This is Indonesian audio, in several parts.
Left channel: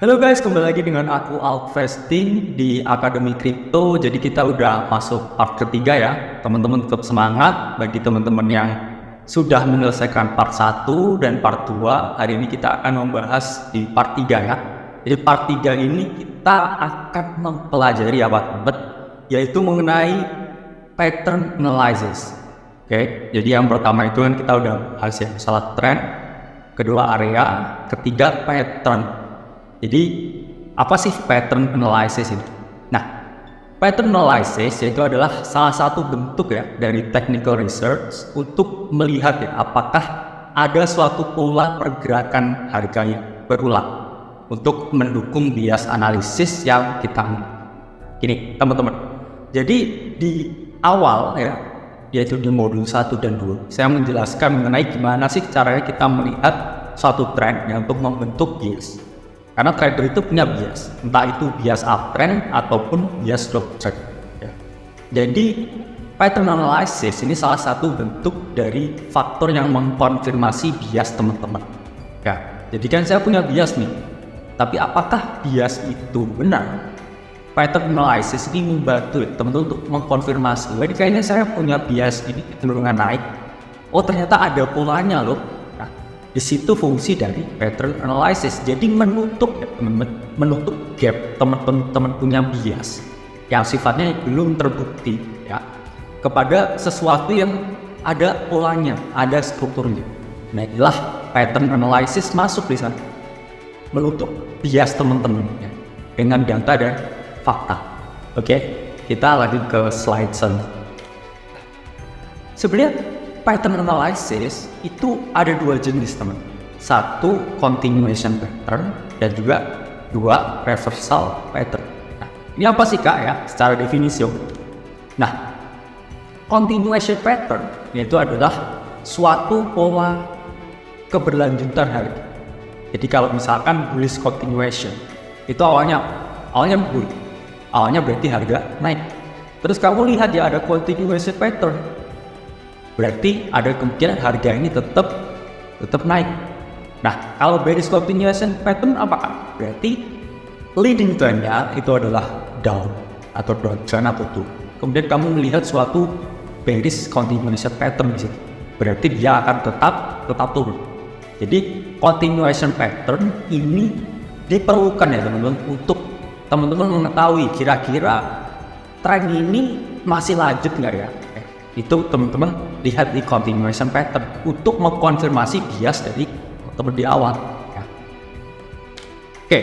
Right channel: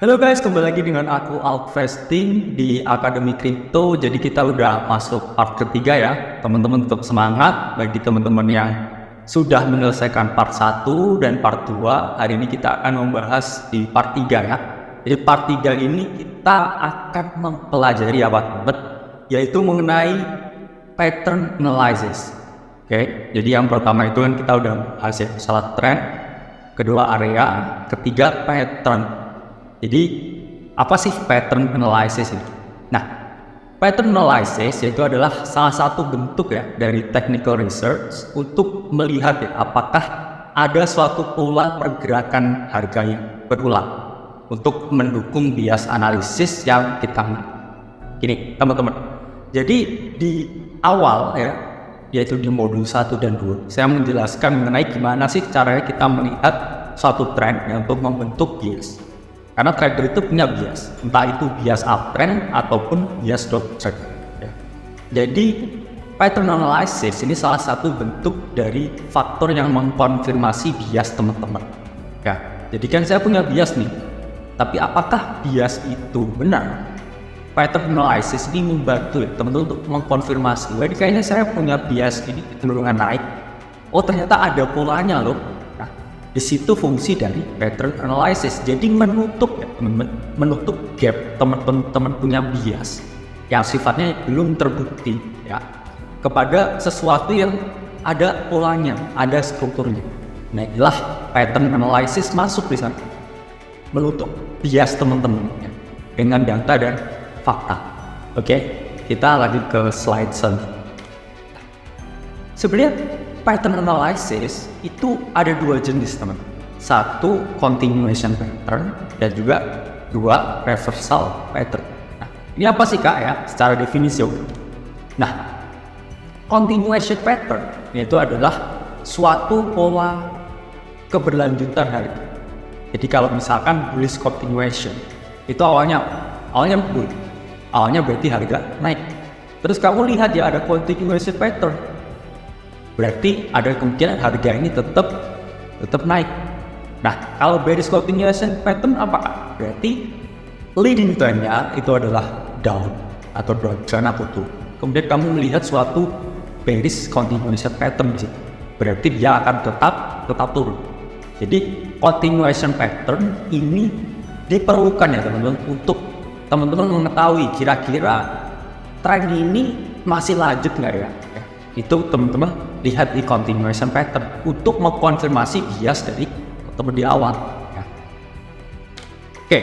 Halo guys, kembali lagi dengan aku Alvesting di Akademi Kripto. Jadi kita udah masuk part ketiga ya. Teman-teman tetap semangat. Bagi teman-teman yang sudah menyelesaikan part 1 dan part 2, hari ini kita akan membahas di part 3 ya. Jadi part 3 ini kita akan mempelajari apa teman-teman, yaitu mengenai pattern analysis. Oke, jadi yang pertama itu kan kita udah bahas yang masalah trend, kedua area, ketiga pattern. Jadi apa sih pattern analysis itu? Nah, pattern analysis itu adalah salah satu bentuk ya dari technical research untuk melihat ya, apakah ada suatu pola pergerakan harga yang berulang untuk mendukung bias analisis yang kita gini teman-teman. Jadi di awal ya, yaitu di modul 1 dan 2, saya menjelaskan mengenai gimana sih caranya kita melihat suatu tren ya, untuk membentuk bias. Karena trader itu punya bias, entah itu bias uptrend ataupun bias downtrend. Ya. Jadi pattern analysis ini salah satu bentuk dari faktor yang mengkonfirmasi bias teman-teman. Ya, jadi kan saya punya bias nih, tapi apakah bias itu benar? Pattern analysis ini membantu teman-teman untuk mengkonfirmasi. Jadi kayaknya saya punya bias ini kecenderungan naik. Oh ternyata ada polanya loh. Di situ fungsi dari pattern analysis. Jadi menutup ya teman-teman, menutup gap teman-teman punya bias yang sifatnya belum terbukti ya kepada sesuatu yang ada polanya, ada strukturnya. Nah inilah pattern analysis masuk di sana, menutup bias teman-teman ya, dengan data dan fakta. Oke, kita lanjut ke slide selanjutnya. Sebenarnya pattern analysis itu ada dua jenis teman. Satu continuation pattern dan juga dua reversal pattern. Nah, ini apa sih kak ya secara definisi? Nah, continuation pattern itu adalah suatu pola keberlanjutan harga. Jadi kalau misalkan bullish continuation itu awalnya bull, awalnya berarti harga naik. Terus kamu lihat ya ada continuation pattern, berarti ada kemungkinan harga ini tetap naik. Nah, kalau bearish continuation pattern apa? Berarti leading trendnya itu adalah down atau downtrend atau turun. Kemudian kamu melihat suatu bearish continuation pattern di situ, berarti dia akan tetap turun. Jadi continuation pattern ini diperlukan ya teman-teman untuk teman-teman mengetahui kira-kira tren ini masih lanjut nggak ya? Itu teman-teman lihat di continuation pattern untuk mengkonfirmasi bias dari teman di awal ya. Oke,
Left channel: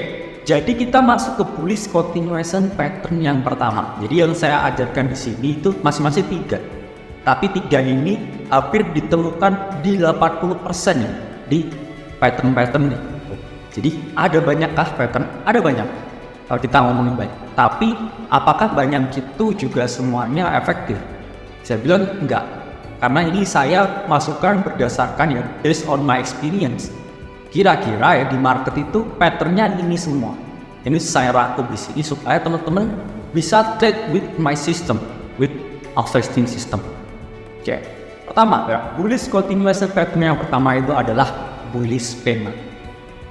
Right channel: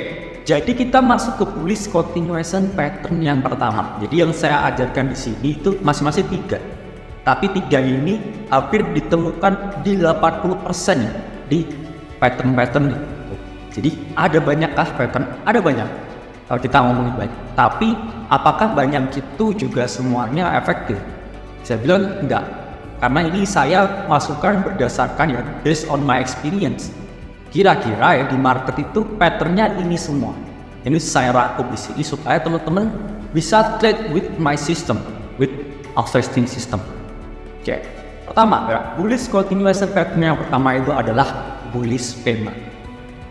jadi kita masuk ke bullish continuation pattern yang pertama. Jadi yang saya ajarkan di sini itu masing-masing 3, tapi 3 ini hampir ditemukan di 80% di pattern-pattern itu. Jadi ada banyakkah pattern? Ada banyak kalau kita ngomong, tapi apakah banyak itu juga semuanya efektif? Saya bilang enggak, karena ini saya masukkan berdasarkan ya based on my experience. Kira-kira ya di market itu patternnya ini semua. Ini saya rangkum di sini supaya teman-teman bisa trade with my system, with Alvesting system. Oke, pertama ya, bullish continuation pattern yang pertama itu adalah bullish pennant.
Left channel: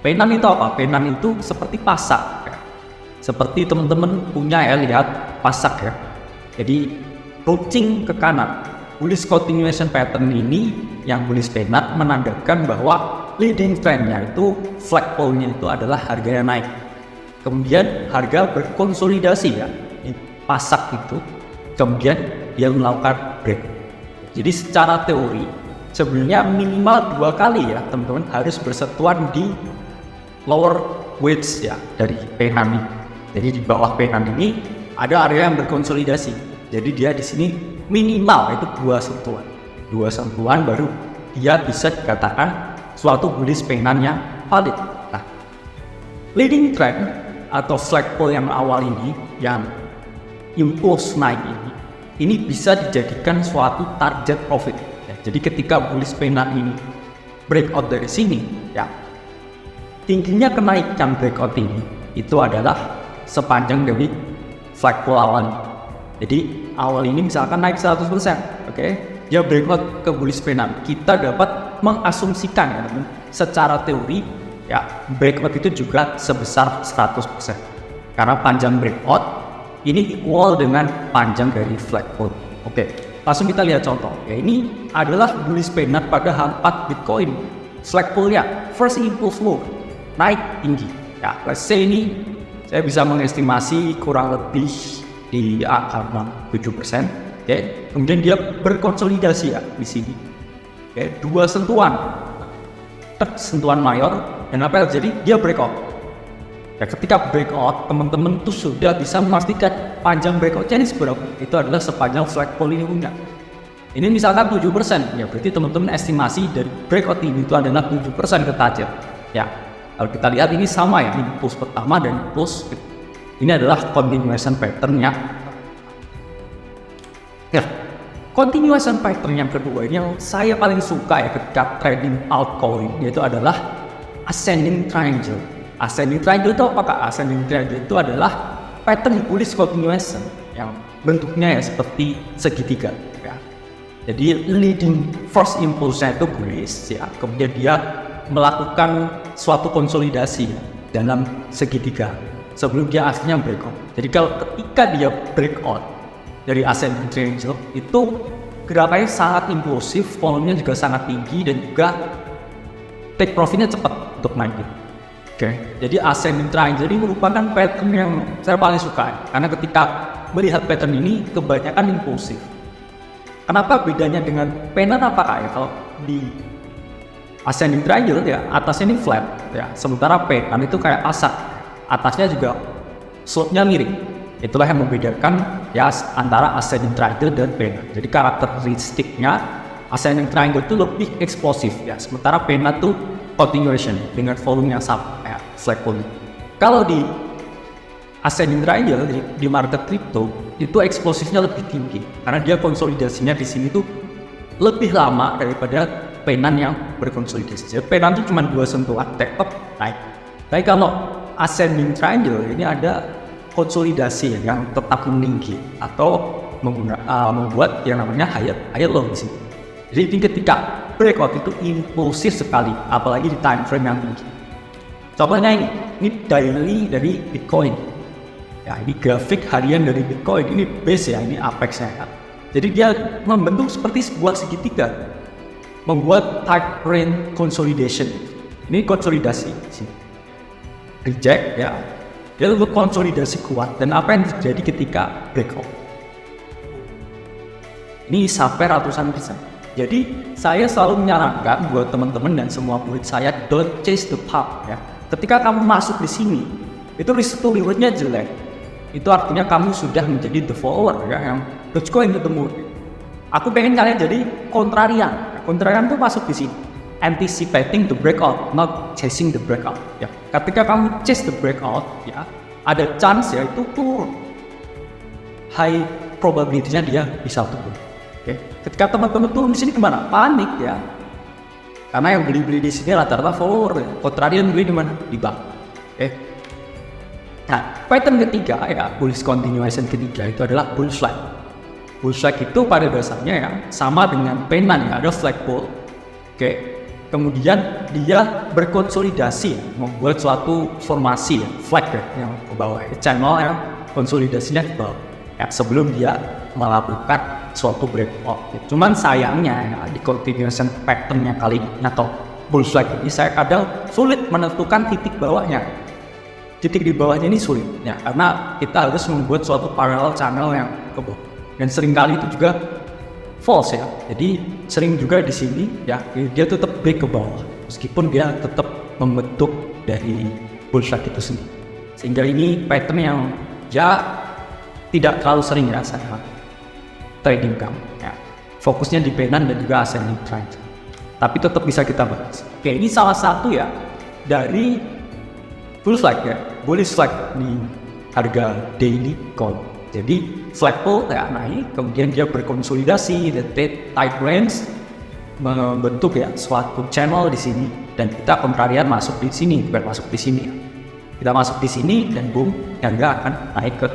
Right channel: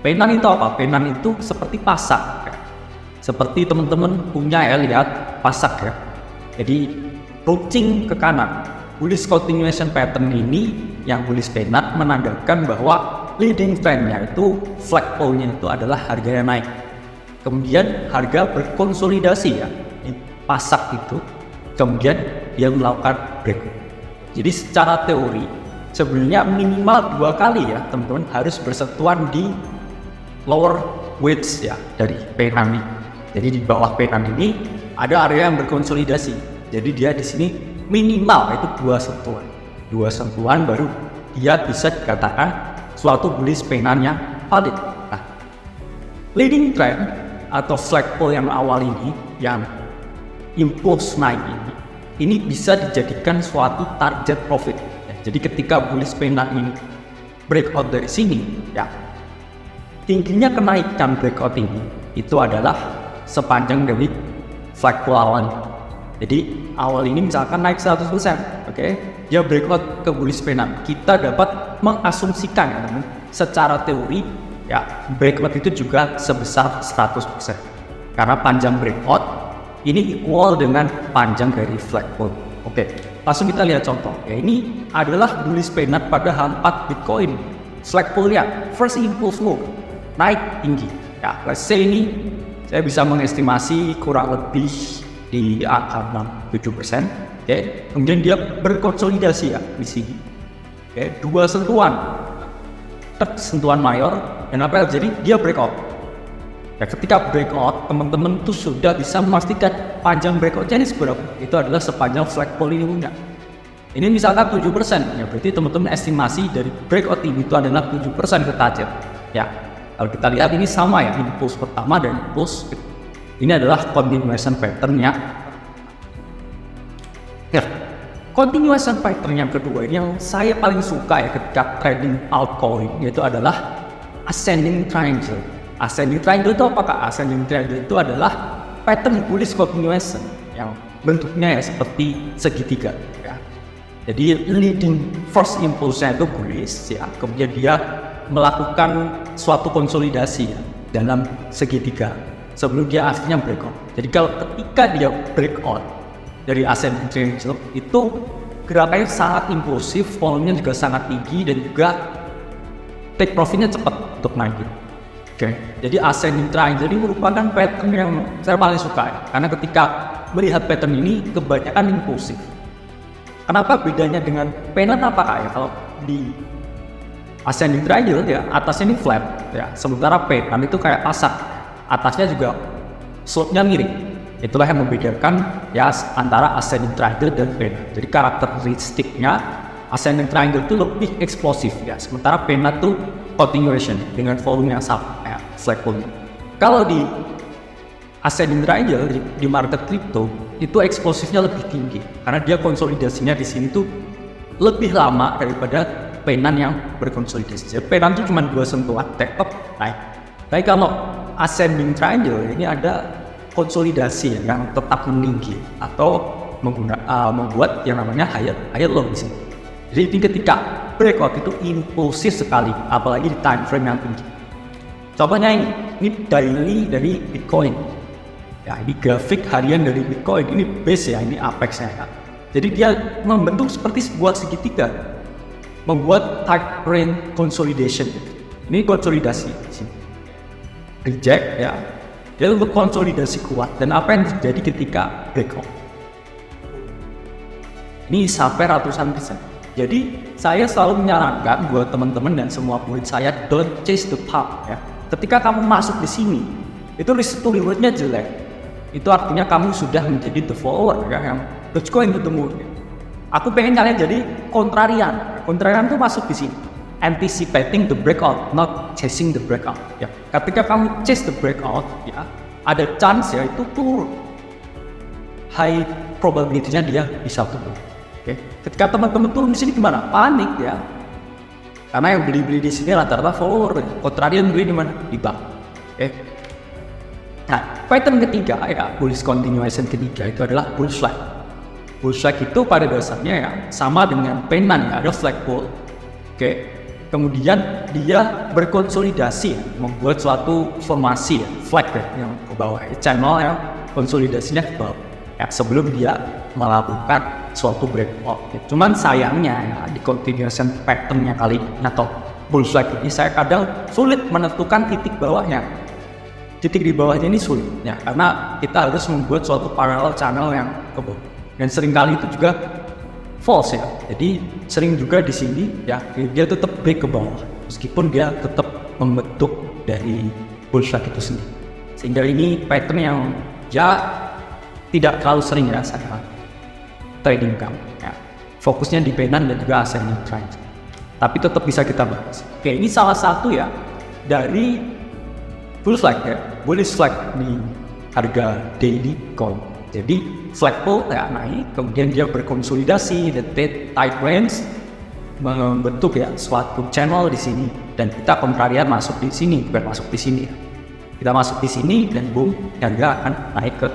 Pennant itu apa? Pennant itu seperti pasak ya. Seperti teman-teman punya ya, lihat pasak ya. Jadi runcing ke kanan. Bullish continuation pattern ini yang bullish pennant menandakan bahwa leading trendnya itu flagpole-nya itu adalah harganya naik. Kemudian harga berkonsolidasi ya, ini pasak itu. Kemudian dia melakukan break. Jadi secara teori sebenarnya minimal 2 kali ya teman-teman harus bersentuhan di lower wedge ya dari pennant ini. Jadi di bawah pennant ini ada area yang berkonsolidasi. Jadi dia di sini minimal itu 2 sentuhan baru dia bisa dikatakan suatu bullish pennant yang valid. Nah, leading trend atau flagpole yang awal ini yang impulse naik ini bisa dijadikan suatu target profit. Ya, jadi ketika bullish pennant ini breakout dari sini, ya tingginya kenaikan breakout ini itu adalah sepanjang dari flagpole awal. Jadi awal ini misalkan naik 100%, oke? Dia breakout ke bullish pennant. Kita dapat mengasumsikan secara teori ya breakout itu juga sebesar 100%. Karena panjang breakout ini equal dengan panjang dari flagpole. Oke, langsung kita lihat contoh. Ya, ini adalah bullish pennant pada H4 Bitcoin. Flagpole-nya first impulse move naik tinggi. Ya, let's say ini saya bisa mengestimasi kurang lebih di angka 7%. Oke, kemudian dia berkonsolidasi ya di sini. Oke, dua sentuhan, sentuhan mayor, dan apa yang terjadi? Dia breakout. Ya, ketika breakout, teman-teman tuh sudah bisa memastikan panjang breakoutnya ini seberapa. Itu adalah sepanjang flagpole ini punya. Ini misalkan 7%, ya berarti teman-teman estimasi dari breakout ini itu adalah 7% ke target. Ya, kalau kita lihat ini sama ya, impulse pertama dan impulse ini adalah continuation pattern-nya. Ya, continuation pattern yang kedua ini yang saya paling suka ya ketika trading altcoin, yaitu adalah ascending triangle. Ascending triangle itu apakah? Ascending triangle itu adalah pattern bullish continuation yang bentuknya ya seperti segitiga. Ya. Jadi leading first impulse-nya itu bullish ya, kemudian dia melakukan suatu konsolidasi ya, dalam segitiga sebelum dia akhirnya breakout. Jadi kalau ketika dia breakout dari ascending triangle itu gerakannya sangat impulsif, volume-nya juga sangat tinggi dan juga take profit-nya cepat untuk naik. Oke, jadi ascending triangle ini merupakan pattern yang saya paling suka ya. Karena ketika melihat pattern ini kebanyakan impulsif. Kenapa bedanya dengan pennant apakah ya? Kalau di ascending triangle ya atasnya ini flat ya, sementara pennant itu kayak asap, atasnya juga slope-nya miring. Itulah yang membedakan ya antara ascending triangle dan pennant. Jadi karakteristiknya ascending triangle itu lebih eksplosif ya, sementara pennant itu continuation dengan volume yang sama kayak flagpole-nya. Kalau di ascending triangle di market crypto itu eksplosifnya lebih tinggi karena dia konsolidasinya di sini tuh lebih lama daripada pennant yang berkonsolidasi. Jadi pennant itu cuma 2 sentuhan tetap naik. Tapi kalau ascending triangle ini ada konsolidasi yang tetap meninggi atau membuat yang namanya higher low di sini. Jadi ketika breakout itu impulsif sekali, apalagi di time frame yang tinggi. Contohnya ini daily dari Bitcoin. Ya, ini grafik harian dari Bitcoin, ini base ya, ini apex-nya ya. Jadi dia membentuk seperti sebuah segitiga, membuat type rate consolidation. Ini konsolidasi sini. Reject ya, dia untuk konsolidasi kuat. Dan apa yang terjadi ketika breakout? Ini sampai ratusan persen. Jadi saya selalu menyarankan buat teman-teman dan semua murid saya, don't chase the pump ya. Ketika kamu masuk di sini, itu risk to reward-nya jelek. Itu artinya kamu sudah menjadi the follower ya, yang Dogecoin ketemu. Aku pengen kalian jadi kontrarian. Kontrarian tuh masuk di sini, anticipating the breakout, not chasing the breakout. Ya, ketika kamu chase the breakout, ya ada chance ya itu turun. High probability-nya dia bisa turun. Oke, ketika teman-teman turun di sini gimana? Panik ya. Karena yang beli-beli di sini rata-rata follower. Kontrarian beli di mana? Di bawah. Oke. Nah, pattern ketiga ya, bullish continuation ketiga itu adalah bullish flag. Bullish flag itu pada dasarnya ya sama dengan pennant ya, ada flagpole. Oke. Kemudian dia berkonsolidasi ya, membuat suatu formasi ya, flag ya, yang ke bawah, channel yang konsolidasinya ke bawah. Ya, sebelum dia melakukan suatu breakout. Ya, cuman sayangnya ya, di continuation pattern-nya kali ini atau bullish flag ini saya kadang sulit menentukan titik bawahnya. Titik di bawahnya ini sulit ya, karena kita harus membuat suatu parallel channel yang ke bawah. Dan seringkali itu juga false ya. Jadi sering juga di sini ya dia tetap break ke bawah meskipun dia tetap membentuk dari bullish flag itu sendiri. Sehingga ini pattern yang ya tidak terlalu sering ya saya trading kamu ya. Fokusnya di pennant dan juga ascending triangle. Tapi tetap bisa kita bahas. Oke, ini salah satu ya dari bullish flag ya, bullish flag di harga daily coin. Jadi flagpole ya naik, kemudian dia berkonsolidasi, the type range membentuk ya suatu channel di sini dan kita kontrarian masuk di sini, bukan masuk di sini. Kita masuk di sini dan boom, harga akan naik ke.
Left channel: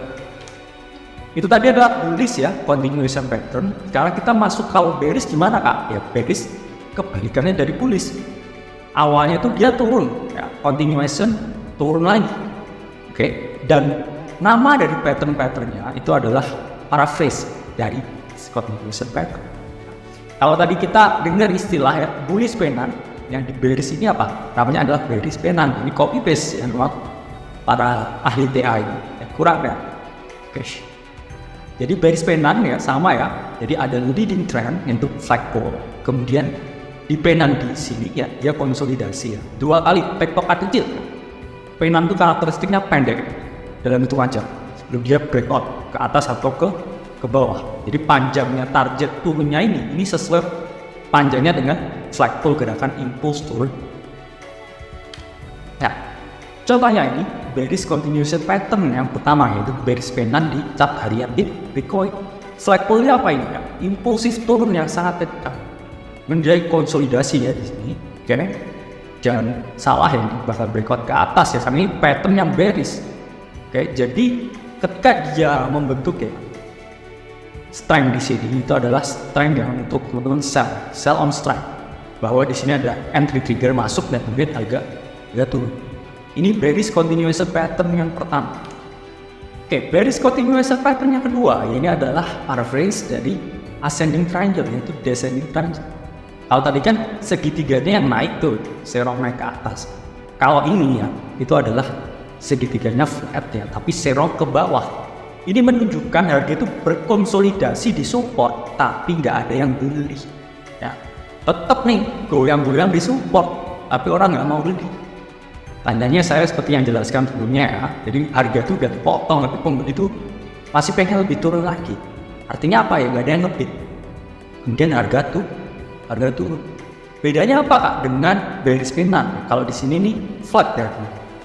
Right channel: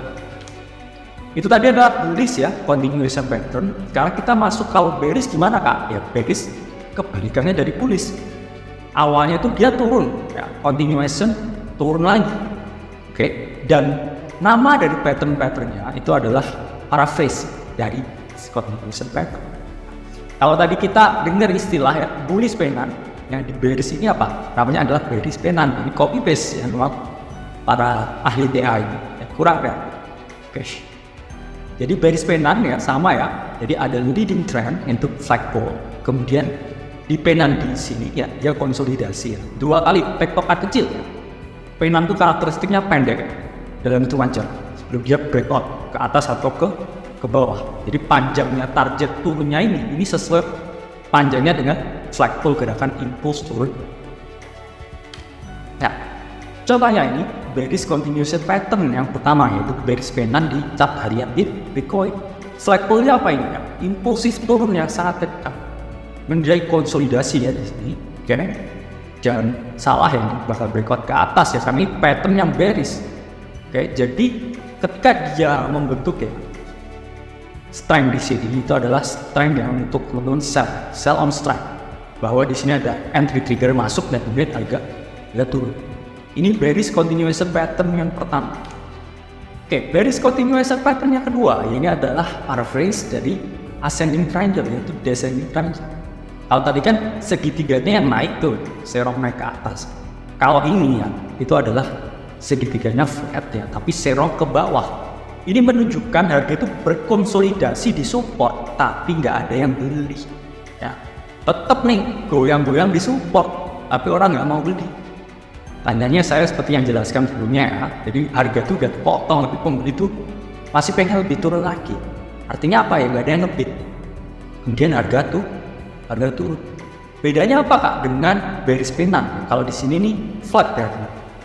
Itu tadi adalah bullish ya, continuation pattern. Sekarang kita masuk kalau bearish gimana kak? Ya bearish kebalikannya dari bullish. Awalnya tuh dia turun ya, continuation turun lagi. Oke, dan nama dari pattern-patternnya itu adalah paraphrase dari continuation pattern. Kalau tadi kita dengar istilah ya, bullish pennant, yang di bearish ini apa? Namanya adalah bearish pennant. Ini copy paste ya, para ahli DA ini ya, kurang ya. Oke. Jadi bearish pennant ya sama ya. Jadi ada leading trend untuk flagpole. Kemudian di pennant di sini ya dia konsolidasi ya. 2 kali tektokan kecil. Pennant itu karakteristiknya pendek. Dalam itu wajar. Sebelum dia breakout ke atas atau ke bawah. Jadi panjangnya target turunnya ini sesuai panjangnya dengan flagpole gerakan impulse turun. Ya. Contohnya ini bearish continuation pattern yang pertama yaitu bearish pennant di chart harian di Bitcoin. Flagpole-nya apa ini ya? Impulsif turun yang sangat kencang. Menjadi konsolidasi ya di sini. Oke. Jangan salah ya, bakal breakout ke atas ya karena ini pattern yang bearish. Oke, jadi ketika dia membentuk ya strength di sini itu adalah strength yang untuk turun sell on strength. Bahwa di sini ada entry trigger masuk dan kemudian harga turun. Ini bearish continuation pattern yang pertama. Oke, bearish continuation pattern yang kedua, ini adalah paraphrase dari ascending triangle, yaitu descending triangle. Kalau tadi kan segitiganya yang naik tuh, serong naik ke atas. Kalau ini ya, itu adalah segitiganya flat ya, tapi serong ke bawah. Ini menunjukkan harga itu berkonsolidasi di support, tapi nggak ada yang beli. Ya, tetap nih goyang-goyang di support, tapi orang nggak mau beli. Tandanya saya seperti yang jelaskan sebelumnya ya. Jadi harga itu udah dipotong, tapi pembeli itu masih pengen lebih turun lagi. Artinya apa ya? Gak ada yang ngebid. Kemudian harga turun. Bedanya apa kak dengan bearish pennant? Kalau di sini nih flat ya,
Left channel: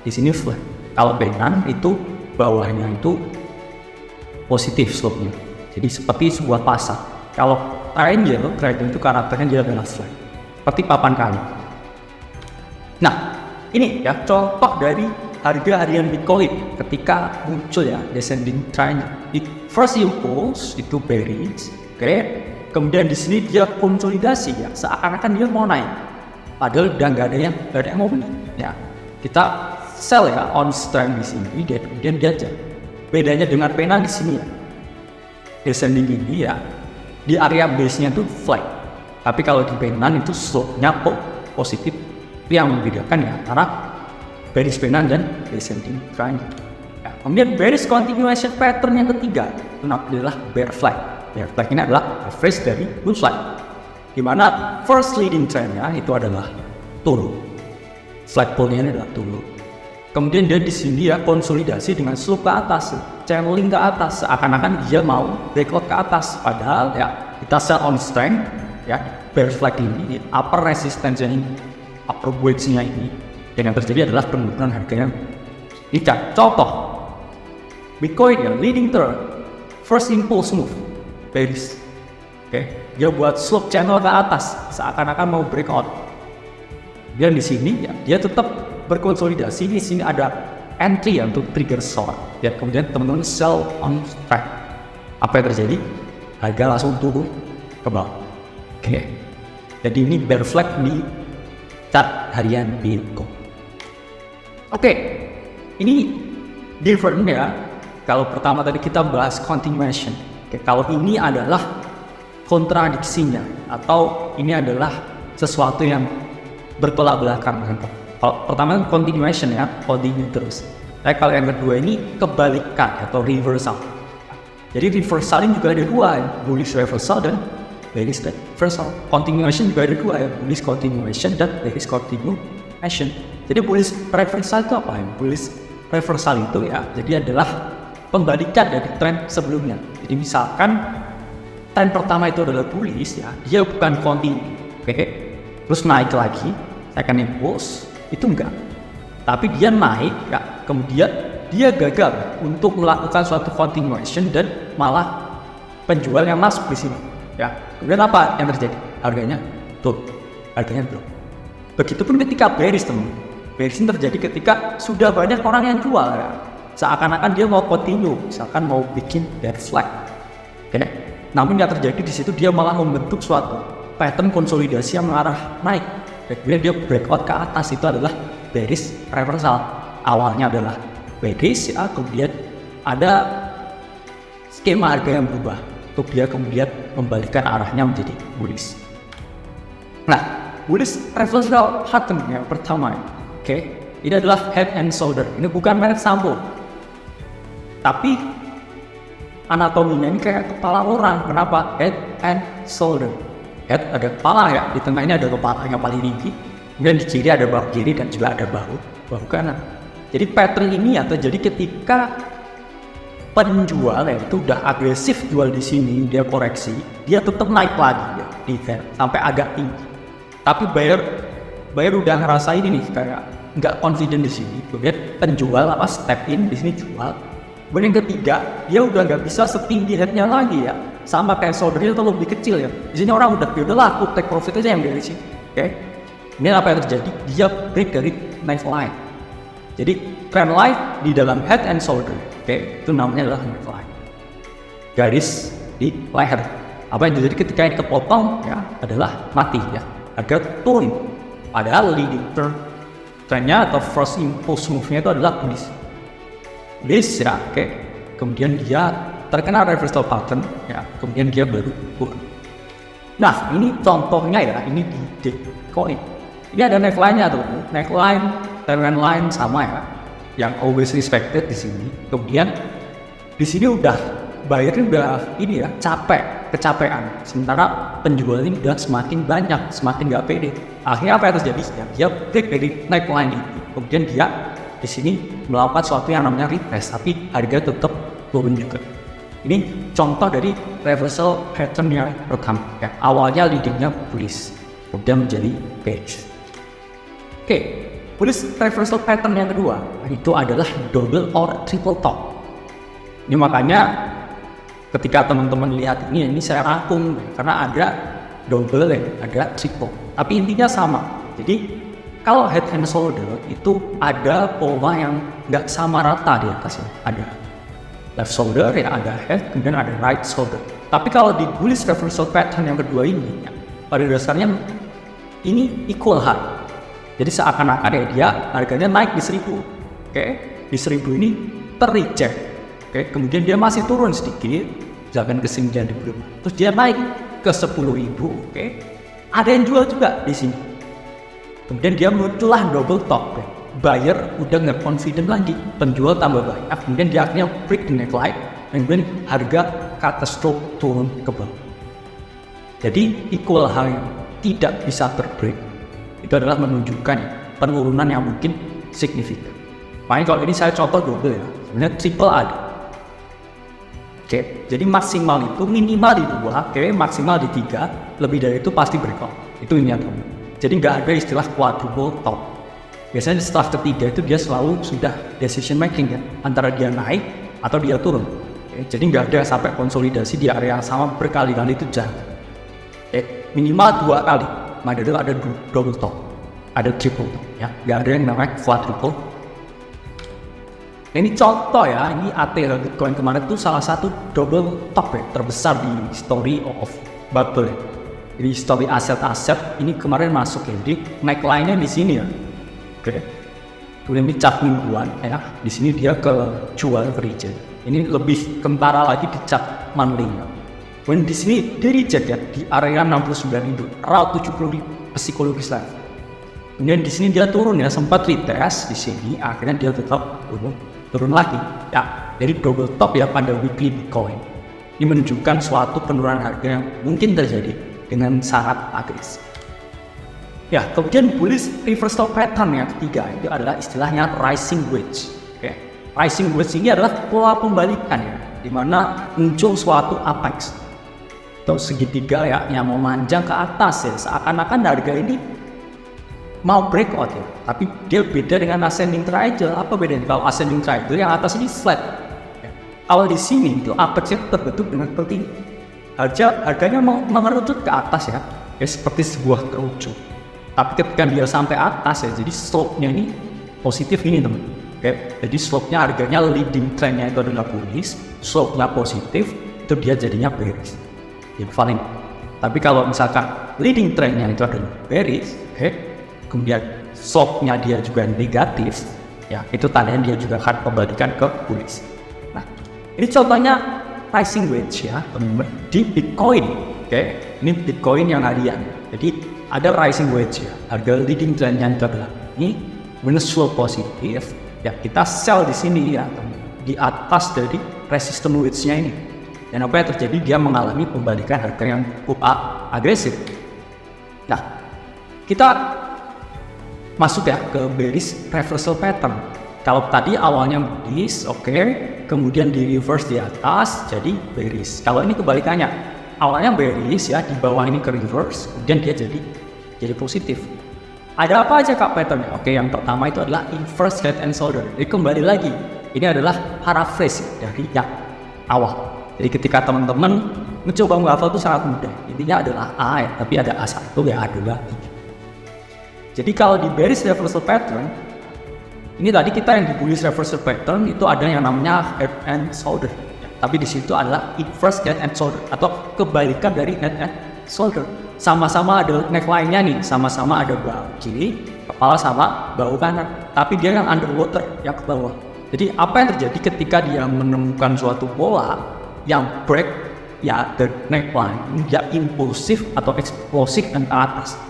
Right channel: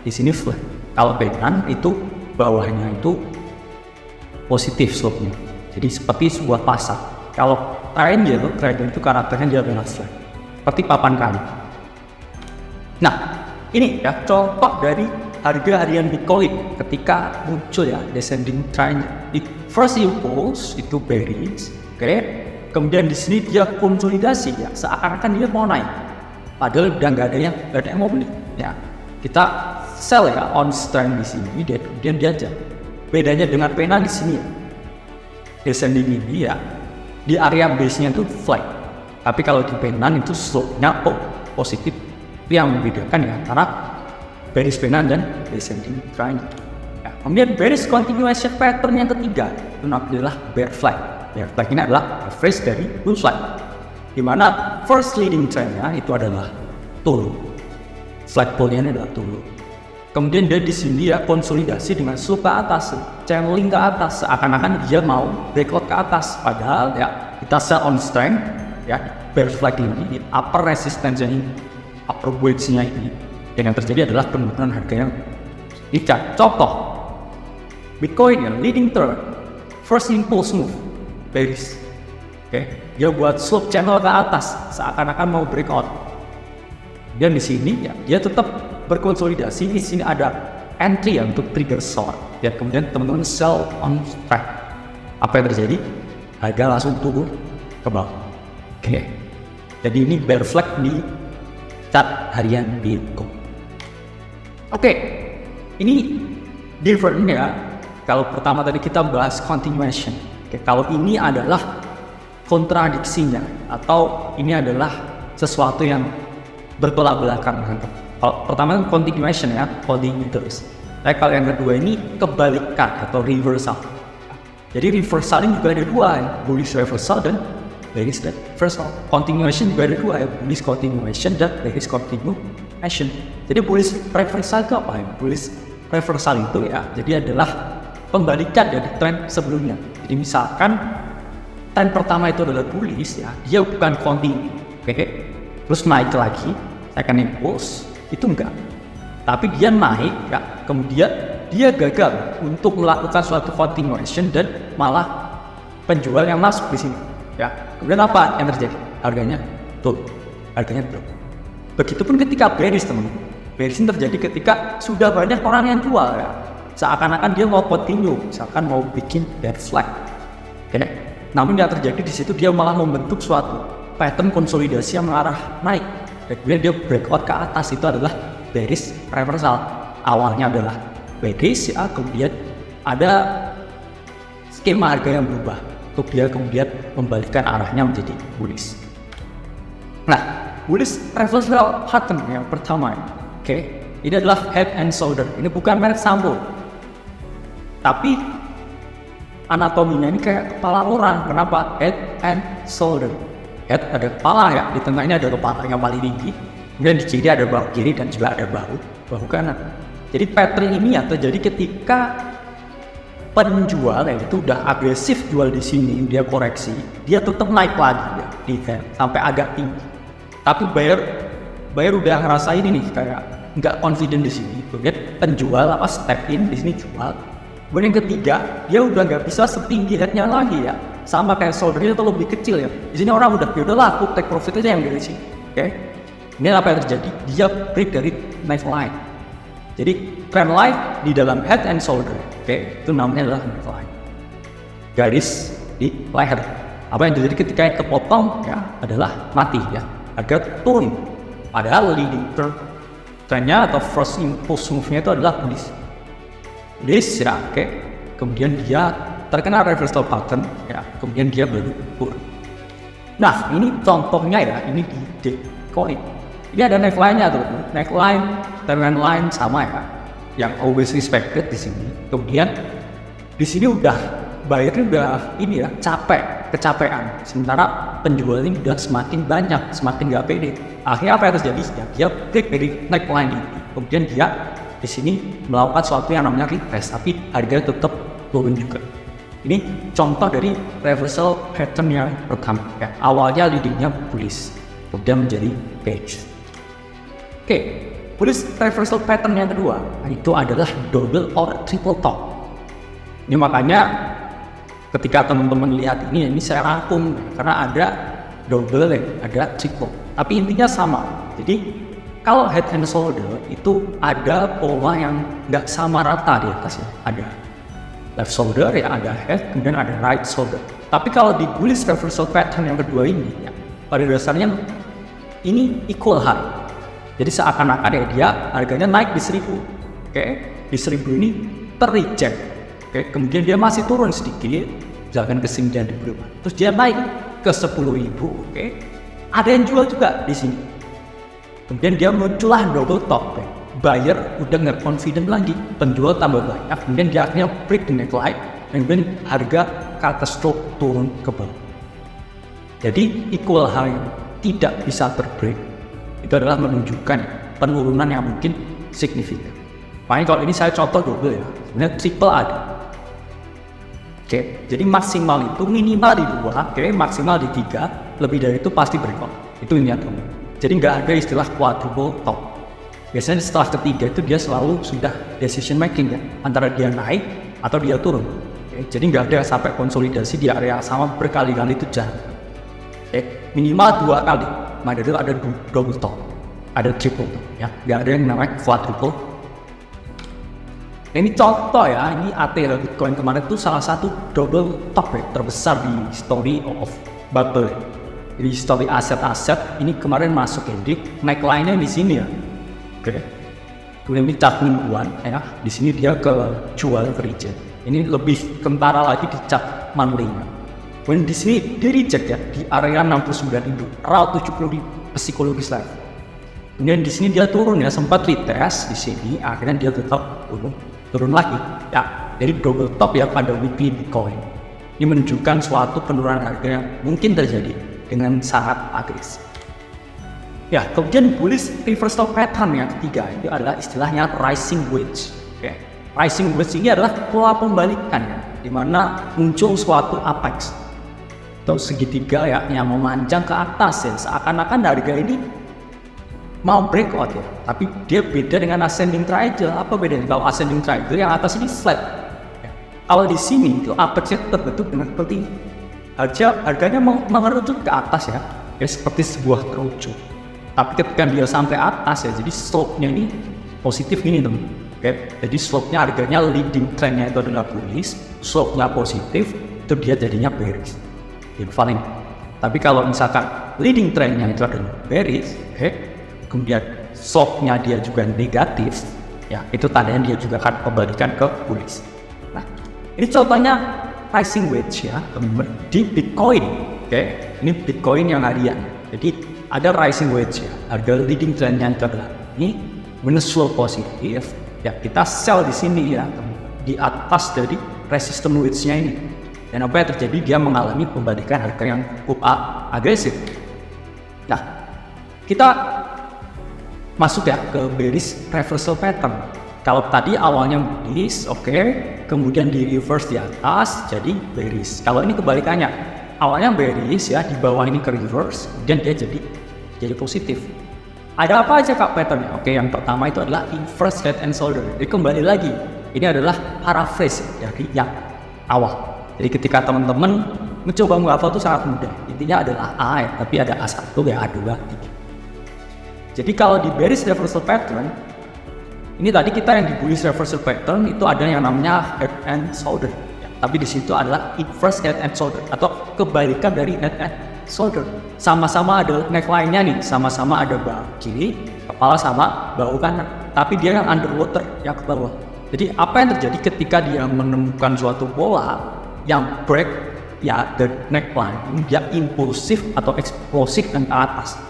di sini flat. Kalau pennant itu bawahnya itu positif slope-nya. Jadi seperti sebuah pasar. Kalau triangle itu karakternya dia adalah flat, seperti papan kayu. Nah, ini ya contoh dari harga harian Bitcoin ketika muncul ya descending trend. First impulse itu bearish, oke. Kemudian di sini dia konsolidasi ya, seakan-akan dia mau naik. Padahal udah nggak ada yang mau beli. Ya, kita sell ya on strength di sini, dan kemudian dia jatuh. Bedanya dengan pennant di sini, descending ini ya di area base-nya itu flat. Tapi kalau di pennant itu slope-nya positif. Itu yang membedakan ya antara bearish pennant dan descending trend. Ya, kemudian bearish continuation pattern yang ketiga itu namanya bear flag. Bear flag ini adalah average dari bull flag, di mana first leading trendnya itu adalah turun, flagpole-nya adalah turun. Kemudian dia di sini dia konsolidasi dengan slope ke atas, channeling ke atas, seakan-akan dia mau breakout ke atas. Padahal ya kita sell on strength ya bear flag ini upper resistance ini, upper wedge-nya ini, dan yang terjadi adalah penurunan harga yang tidak. Contoh Bitcoin ya leading trend, first impulse move bearish, oke. Dia buat slope channel ke atas seakan-akan mau breakout. Dan di sini ya dia tetap berkonsolidasi. Di sini ada entry untuk trigger short dan kemudian temuan sell on strike. Apa yang terjadi? Harga langsung turun ke bawah. Oke. Jadi ini bear flag di chart harian Bitcoin. Oke. Ini different ya. Kalau pertama tadi kita bahas continuation. Oke, kalau ini adalah kontradiksinya atau ini adalah sesuatu yang bertolak belakang. Kalau pertama kan continuation ya, continue terus. Tapi kalau yang kedua ini kebalikan atau reversal. Jadi reversal ini juga ada dua, ya. Bullish reversal dan bearish reversal. Continuation juga ada dua, ya. Bullish continuation dan bearish continuation. Jadi bullish reversal itu apa ya? Bullish reversal itu ya, jadi adalah pembalikan dari tren sebelumnya. Jadi misalkan tren pertama itu adalah bullish ya, dia bukan continue, oke? Terus naik lagi, second impulse itu enggak, tapi dia naik ya, kemudian dia gagal untuk melakukan suatu continuation dan malah penjual yang masuk di sini ya. Kemudian apa yang terjadi? Harganya turun, harganya drop. Begitupun ketika bearish teman. Bearish terjadi ketika sudah banyak orang yang jual ya. Seakan-akan dia mau continue, misalkan mau bikin bear flag. Oke. Namun yang terjadi di situ dia malah membentuk suatu pattern konsolidasi yang mengarah naik. Dan kemudian dia breakout ke atas, itu adalah bearish reversal. Awalnya adalah bearish ya, kemudian ada skema harga yang berubah untuk dia kemudian membalikkan arahnya menjadi bullish. Nah, bullish reversal pattern yang pertama, oke, ini adalah head and shoulder. Ini bukan merek saham, tapi anatominya ini kayak kepala orang. Kenapa? Head and shoulder. Head ada kepala ya, di tengah ini ada kepala yang paling tinggi, kemudian di kiri ada bahu kiri dan juga ada bahu kanan. Jadi pattern ini ya terjadi ketika penjual ya itu udah agresif jual di sini, dia koreksi, dia tetap naik lagi ya, di head sampai agak tinggi. Tapi buyer udah ngerasain ini kayak nggak confident di sini, kemudian penjual step in di sini jual. Kemudian yang ketiga, dia udah nggak bisa setinggi headnya lagi ya, sama kayak shouldernya atau lebih kecil ya. Di sini orang udah lah, aku take profit aja yang dari sini. Oke, ini apa yang terjadi? Dia break dari knife line. Jadi trend line di dalam head and shoulder, oke, itu namanya adalah knife line. Garis di leher. Apa yang terjadi ketika yang kepotong ya adalah mati ya. Harga turun. Padahal leading trendnya atau first impulse move-nya itu adalah bullish. Bullish ya, oke. Kemudian dia terkena reversal pattern ya, kemudian dia baru turun. Nah, ini contohnya ya, ini di Bitcoin. Ini ada neckline-nya tuh, neckline dan trend line sama ya, yang always respected di sini. Kemudian di sini udah buyernya udah ini ya kecapean. Sementara penjual ini udah semakin banyak, semakin nggak pede. Akhirnya apa yang terjadi? Dia break dari neckline ini. Kemudian dia di sini melakukan sesuatu yang namanya retest, tapi harganya tetap turun juga. Ini contoh dari reversal pattern yang pertama ya. Awalnya leadingnya bullish, kemudian menjadi bearish. Oke, bullish reversal pattern yang kedua itu adalah double or triple top. Ini makanya ketika teman-teman lihat ini saya rangkum karena ada double ya, ada triple. Tapi intinya sama. Jadi kalau head and shoulder itu ada pola yang nggak sama rata di atasnya. Ada left shoulder ya, ada head, kemudian ada right shoulder. Tapi kalau di bullish reversal pattern yang kedua ini, ya, pada dasarnya ini equal high. Jadi seakan-akan ya dia harganya naik di 1000, oke, di 1000 ini terreject, oke, kemudian dia masih turun sedikit, jangan ke 9.000, terus dia naik ke 10.000, oke, ada yang jual juga di sini. Kemudian dia muncullah double top, ya. Buyer udah nggak confident lagi, penjual tambah banyak, kemudian dia akhirnya break the neckline, dan kemudian harga catastrophe turun ke bawah. Jadi equal high tidak bisa terbreak, itu adalah menunjukkan penurunan yang mungkin signifikan. Makanya kalau ini saya contoh double ya, sebenarnya triple ada. Oke, jadi maksimal itu minimal di 2, maksimal di 3, lebih dari itu pasti breakout. Itu ini ada. Jadi nggak ada istilah quadruple top. Biasanya setelah ketiga itu dia selalu sudah decision making kok, antara dia naik atau dia turun. Jadi nggak ada sampai konsolidasi di area sama berkali-kali itu jangan. Minimal 2 kali. Maka itu ada double top, ada triple top ya. Nggak ada yang namanya quadruple. Ini contoh ya, ini AT Bitcoin kemarin itu salah satu double top ya, terbesar di story of bubble. Jadi story aset-aset ini kemarin masuk di neckline-nya di sini ya. Oke. Kemudian di chart mingguan ya, di sini dia ke jual ke reject. Ini lebih kentara lagi di chart monthly. Kemudian di sini dia reject ya di area 69.000, around 70.000 psikologis lagi. Kemudian di sini dia turun ya, sempat retest di sini, akhirnya dia tetap turun lagi. Ya, jadi double top ya pada weekly Bitcoin. Ini menunjukkan suatu penurunan harga yang mungkin terjadi dengan sangat agresif. Ya, kemudian bullish reversal pattern yang ketiga itu adalah istilahnya rising wedge. Oke, rising wedge ini adalah pola pembalikan di mana muncul suatu apex atau segitiga ya yang memanjang ke atas ya, seakan-akan harga ini mau breakout ya, tapi dia beda dengan ascending triangle. Apa bedanya? Kalau ascending triangle yang atas ini flat ya. Kalau di sini itu apexnya terbentuk dengan seperti ini. Harganya mengerucut ke atas ya, seperti sebuah kerucut. Tapi ketika dia sampai atas ya, jadi slope-nya ini positif ini teman. Oke, jadi slope-nya harganya leading trend-nya itu adalah bullish, slope-nya positif, itu dia jadinya bearish. Ya, valid. Tapi kalau misalkan leading trend-nya itu adalah bearish, oke, kemudian slope-nya dia juga negatif, ya itu tandanya dia juga akan kembalikan ke bullish. Nah, ini contohnya rising wedge ya di Bitcoin. Oke, ini Bitcoin yang harian. Jadi ada rising wedge ya, harga leading trend yang terdapat ini slope positif. Ya kita sell di sini ya, di atas dari resistance wedge-nya ini. Dan apa yang terjadi? Dia mengalami pembalikan harga yang cukup agresif. Nah, kita masuk ya ke bearish reversal pattern. Kalau tadi awalnya bullish, oke, kemudian di reverse di atas jadi bearish. Kalau ini kebalikannya, awalnya bearish ya, di bawah ini ke reverse, kemudian dia jadi positif. Ada apa aja kak pattern? Oke, yang pertama itu adalah inverse head and shoulder. Ini kembali lagi, ini adalah paraphrase dari yang awal. Jadi ketika teman-teman mencoba menghafal itu sangat mudah. Intinya adalah A ya, tapi ada A1, ya A2, 3. Jadi kalau di bearish reversal pattern, ini tadi kita yang di bullish reversal pattern itu ada yang namanya head and shoulder. Ya, tapi di situ adalah inverse head and shoulder atau kebalikan dari head and shoulder. Sama-sama ada neckline-nya nih, sama-sama ada bahu kiri, kepala sama bahu kanan. Tapi dia yang underwater, yang ke bawah. Jadi apa yang terjadi ketika dia menemukan suatu bola yang break ya the neckline, dia impulsif atau eksplosif dan ke atas.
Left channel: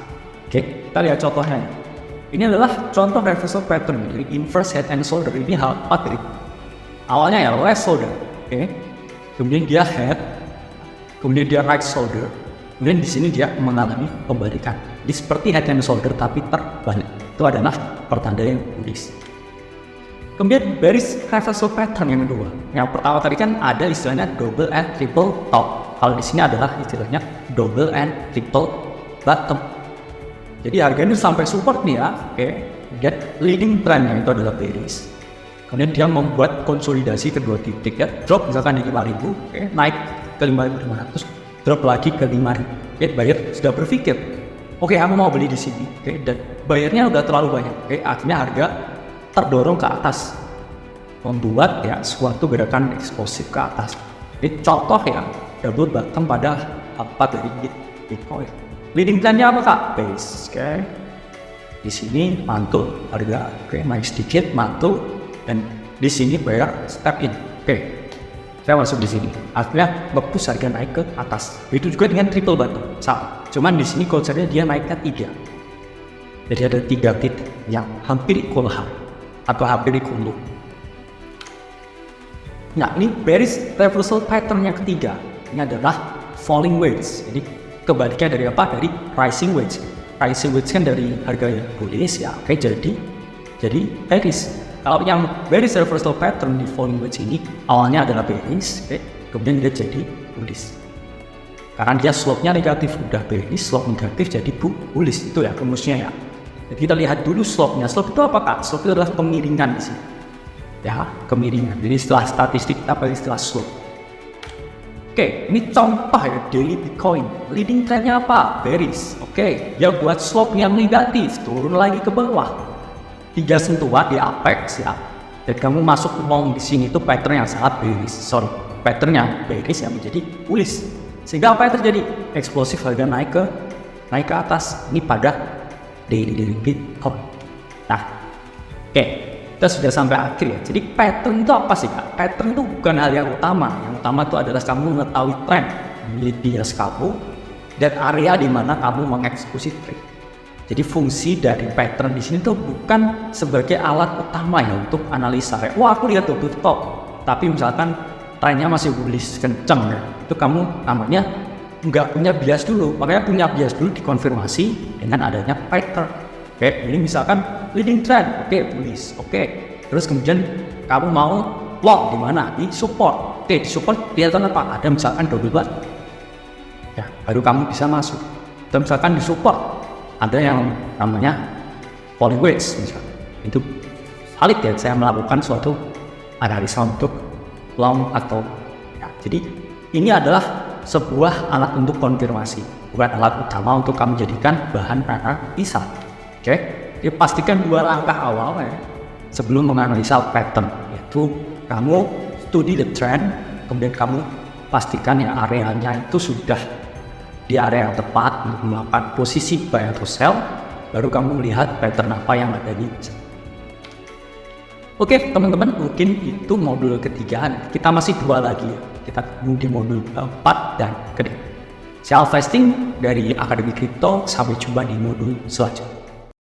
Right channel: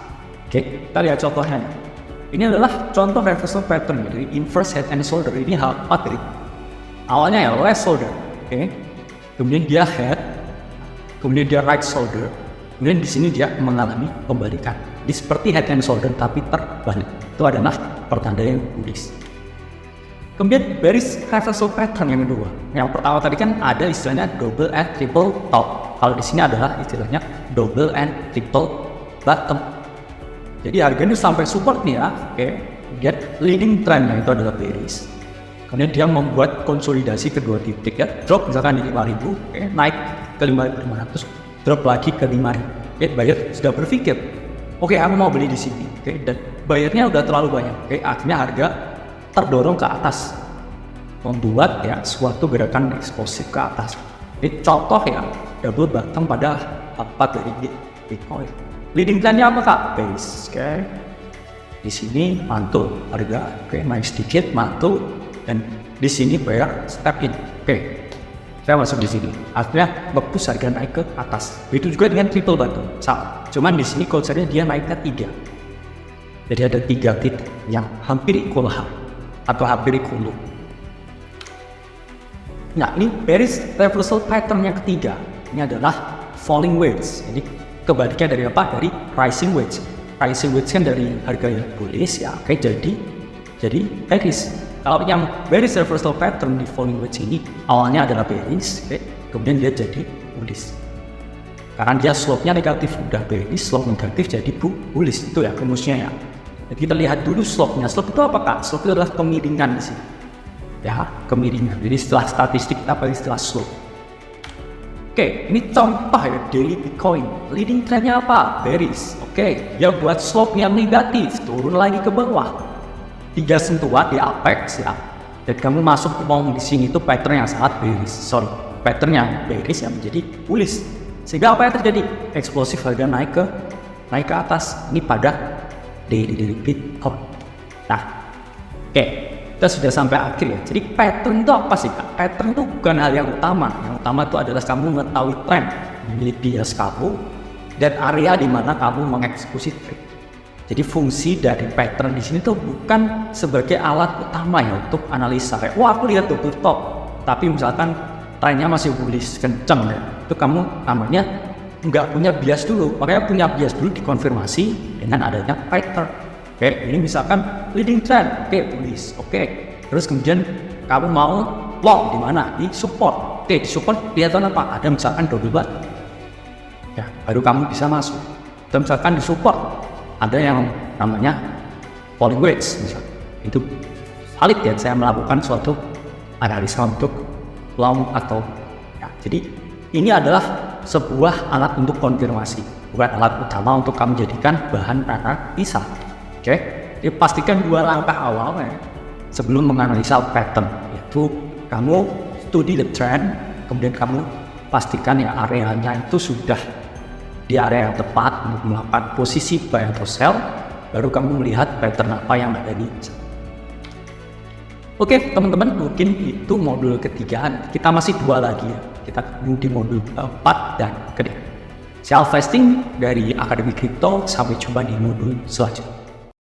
Oke, kita lihat contohnya. Ini adalah contoh reversal pattern dari inverse head and shoulder. Ini hal apa dari awalnya ya left shoulder, oke, kemudian dia head, kemudian dia right shoulder, kemudian di sini dia mengalami kebalikan. Jadi seperti head and shoulder tapi terbalik. Itu adalah pertanda yang bullish. Kemudian bearish reversal pattern yang kedua. Yang pertama tadi kan ada istilahnya double and triple top. Kalau di sini adalah istilahnya double and triple bottom. Jadi harganya sampai support nih ya, oke. Kemudian leading trend itu adalah bearish. Kemudian dia membuat konsolidasi kedua titik ya, drop misalkan di 5.000, oke, naik ke 5.500, drop lagi ke 5.000. Oke, buyer sudah berpikir, oke, aku mau beli di sini, oke, dan bayarnya udah terlalu banyak, oke, akhirnya harga terdorong ke atas, membuat ya suatu gerakan eksplosif ke atas. Ini contoh ya, double bottom pada 4 dari Bitcoin. Leading trendnya apa kak? Base, oke. Di sini mantul harga, oke, naik sedikit mantul, dan di sini buyer step in, oke. Saya masuk di sini, akhirnya nge-push harga naik ke atas. Itu juga dengan triple bottom, salah. Cuman di sini konsepnya dia naiknya 3. Jadi ada 3 titik yang hampir equal atau hampir equal. Nah, ini bearish reversal pattern yang ketiga. Ini adalah falling wedge. Ini kebalikan dari apa? Dari rising wedge. Rising wedge kan dari harga yang bullish ya, oke, jadi bearish. Kalau yang bearish reversal pattern di falling wedge ini awalnya adalah bearish, oke, kemudian dia jadi bullish. Karena dia slope-nya negatif, udah bearish, slope negatif jadi bullish, itu ya rumusnya ya. Jadi kita lihat dulu slope-nya. Slope itu apa kak? Slope itu adalah kemiringan sih. Ya, kemiringan. Jadi setelah statistik kita pakai istilah slope. Oke, ini contoh ya daily Bitcoin. Leading trendnya apa? Bearish. Oke, dia buat slope yang negatif, turun lagi ke bawah. 3 sentuhan di apex ya. Dan kamu masuk long di sini itu pattern yang sangat bearish. Sorry, pattern yang bearish yang menjadi bullish. Sehingga apa yang terjadi? Eksplosif harga naik ke atas. Ini pada daily Bitcoin. Nah, oke, kita sudah sampai akhir ya. Jadi pattern itu apa sih kak? Pattern itu bukan hal yang utama. Yang utama itu adalah kamu mengetahui trend, memilih bias kamu, dan area di mana kamu mengeksekusi trade. Jadi fungsi dari pattern di sini tuh bukan sebagai alat utama ya untuk analisa. Kayak, wah aku lihat double top, tapi misalkan trennya masih bullish kenceng ya, itu kamu namanya nggak punya bias dulu. Makanya punya bias dulu dikonfirmasi dengan adanya pattern. Oke, ini misalkan leading trend, oke, bullish, oke. Terus kemudian kamu mau long di mana? Di support. Oke, di support kelihatan apa? Ada misalkan double bottom. Ya, baru kamu bisa masuk. Dan misalkan di support ada yang namanya falling wedge, misalkan. Itu valid ya, saya melakukan suatu analisa untuk long atau ya. Jadi ini adalah sebuah alat untuk konfirmasi, bukan alat utama untuk kamu jadikan bahan analisa. Oke, jadi pastikan 2 langkah awal ya sebelum menganalisa pattern, yaitu kamu studi the trend, kemudian kamu pastikan ya areanya itu sudah di area yang tepat untuk melakukan posisi buy atau sell, baru kamu lihat pattern apa yang ada di sana. Oke teman-teman, mungkin itu modul ketiga. Kita masih 2 lagi, kita ketemu di modul keempat dan kelima. Self-testing dari Akademi Kripto, sampai jumpa di modul selanjutnya.